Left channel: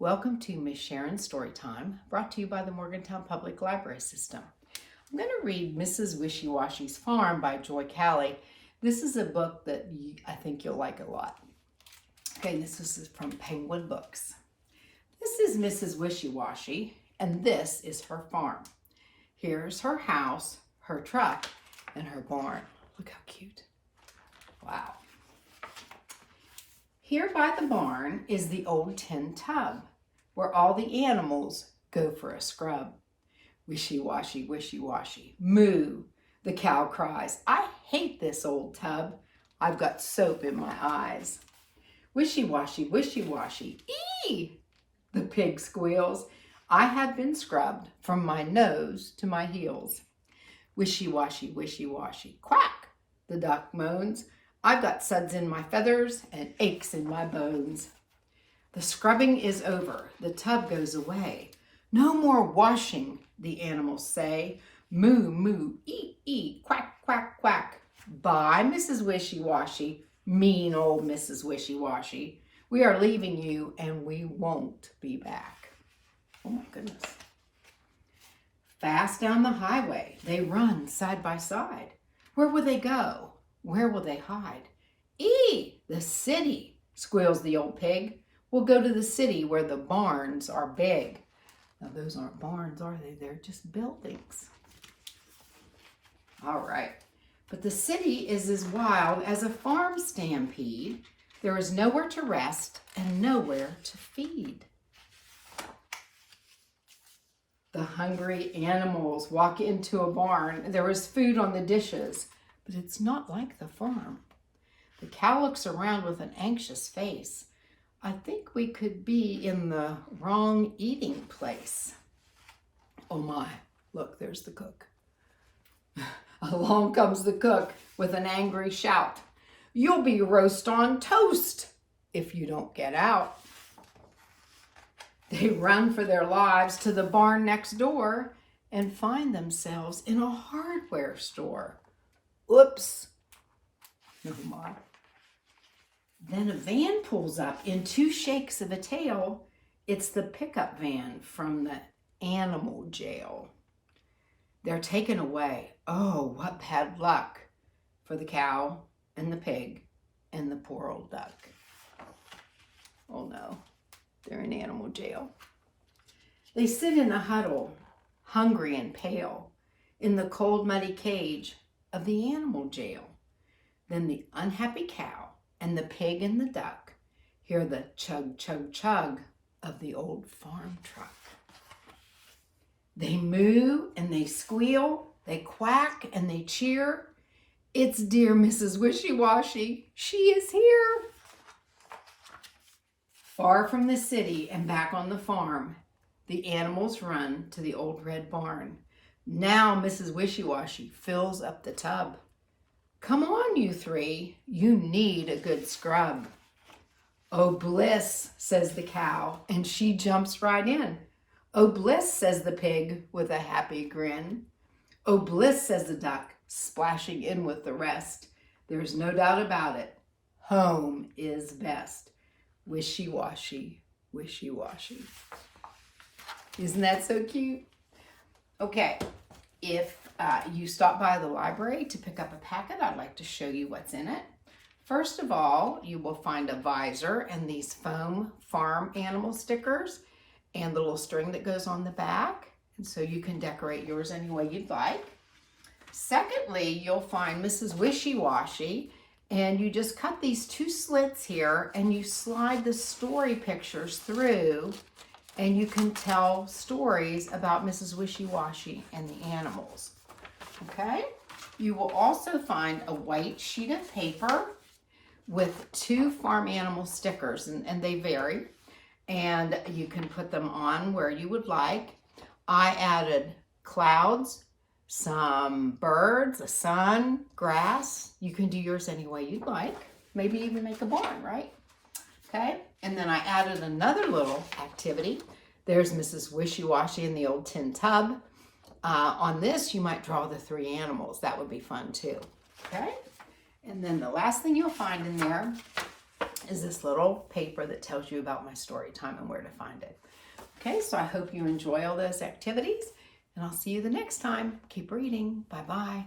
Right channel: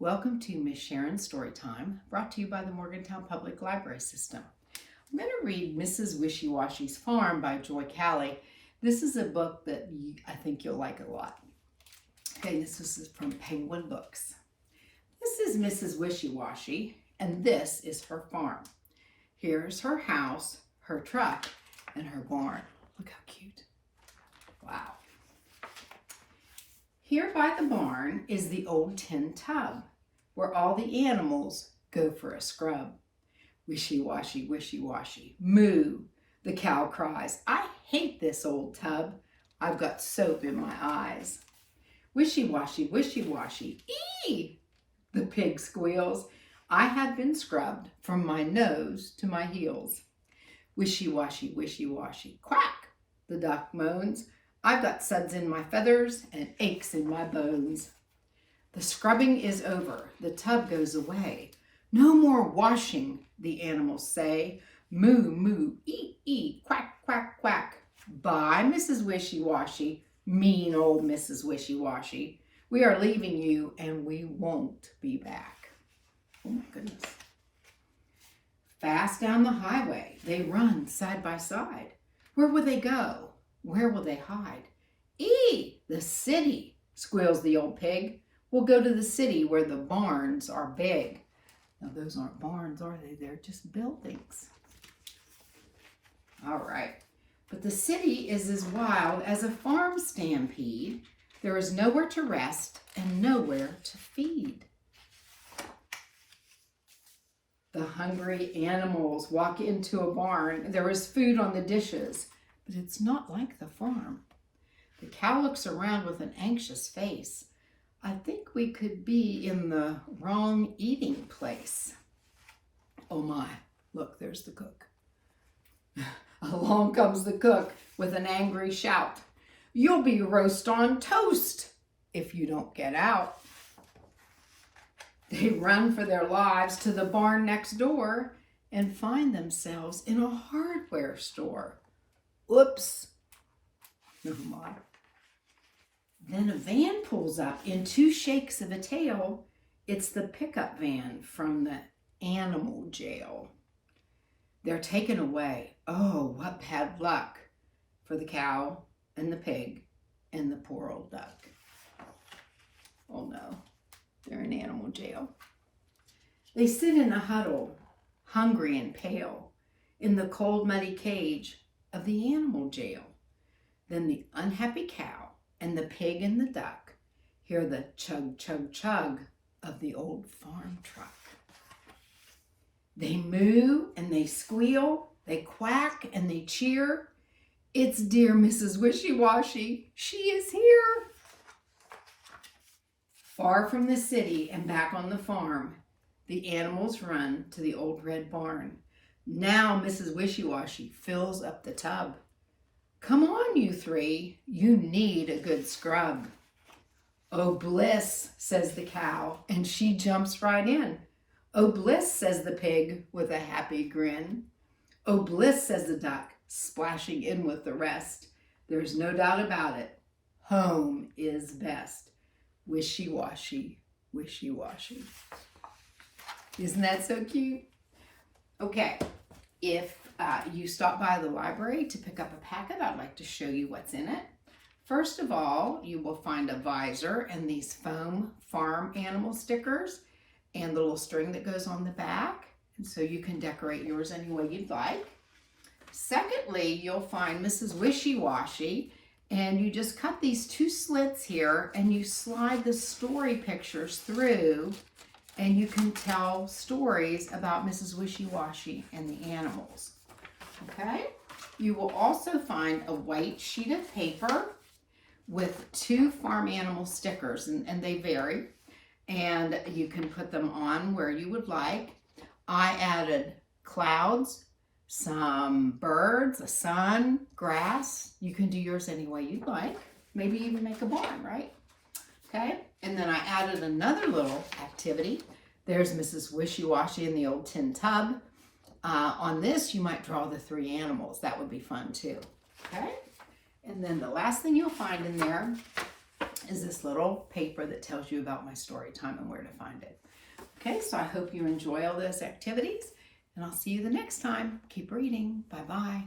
Welcome to Miss Sharon's Storytime, brought to you by the Morgantown Public Library System. I'm going to read Mrs. Wishy-Washy's Farm by Joy Cowley. This is a book that I think you'll like a lot. Okay, this is from Penguin Books. This is Mrs. Wishy-Washy, and this is her farm. Here's her house, her truck, and her barn. Look how cute. Wow. Here by the barn is the old tin tub, where all the animals go for a scrub. Wishy-washy, wishy-washy, moo, the cow cries. I hate this old tub. I've got soap in my eyes. Wishy-washy, wishy-washy, ee, the pig squeals. I have been scrubbed from my nose to my heels. Wishy-washy, wishy-washy, quack, the duck moans. I've got suds in my feathers and aches in my bones. The scrubbing is over. The tub goes away. No more washing, the animals say. Moo, moo, ee, quack, quack, quack. Bye, Mrs. Wishy-Washy, mean old Mrs. Wishy-Washy. We are leaving you and we won't be back. Oh my goodness. Fast down the highway, they run side by side. Where will they go? Where will they hide? Ee, the city, squeals the old pig. We'll go to the city where the barns are big. Now those aren't barns, are they? They're just buildings. All right. But the city is as wild as a farm stampede. There is nowhere to rest and nowhere to feed. The hungry animals walk into a barn. There is food on the dishes. But it's not like the farm. The cow looks around with an anxious face. I think we could be in the wrong eating place. Oh my, look, there's the cook. Along comes the cook with an angry shout. You'll be roast on toast if you don't get out. They run for their lives to the barn next door and find themselves in a hardware store. Oops. Oh my. Then a van pulls up in two shakes of a tail. It's the pickup van from the animal jail. They're taken away. Oh, what bad luck for the cow and the pig and the poor old duck. Oh no, they're in animal jail. They sit in a huddle, hungry and pale, in the cold, muddy cage of the animal jail. Then the unhappy cow and the pig and the duck hear the chug, chug, chug of the old farm truck. They moo and they squeal, they quack and they cheer. It's dear Mrs. Wishy-Washy. She is here. Far from the city and back on the farm, the animals run to the old red barn. Now Mrs. Wishy-Washy fills up the tub. Come on, you three. You need a good scrub. Oh, bliss, says the cow, and she jumps right in. Oh, bliss, says the pig with a happy grin. Oh, bliss, says the duck, splashing in with the rest. There's no doubt about it. Home is best. Wishy-washy, wishy-washy. Isn't that so cute? Okay, if you stop by the library to pick up a packet, I'd like to show you what's in it. First of all, you will find a visor and these foam farm animal stickers and the little string that goes on the back. And so you can decorate yours any way you'd like. Secondly, you'll find Mrs. Wishy-Washy, and you just cut these two slits here and you slide the story pictures through, and you can tell stories about Mrs. Wishy-Washy and the animals. Okay? You will also find a white sheet of paper with two farm animal stickers, and they vary, and you can put them on where you would like. I added clouds, some birds, a sun, grass. You can do yours any way you'd like. Maybe even make a barn, right? Okay? And then I added another little activity. There's Mrs. Wishy-Washy in the old tin tub. On this, you might draw the three animals. That would be fun too. Okay? And then the last thing you'll find in there is this little paper that tells you about my story time and where to find it. Okay, so I hope you enjoy all those activities, and I'll see you the next time. Keep reading. Bye-bye.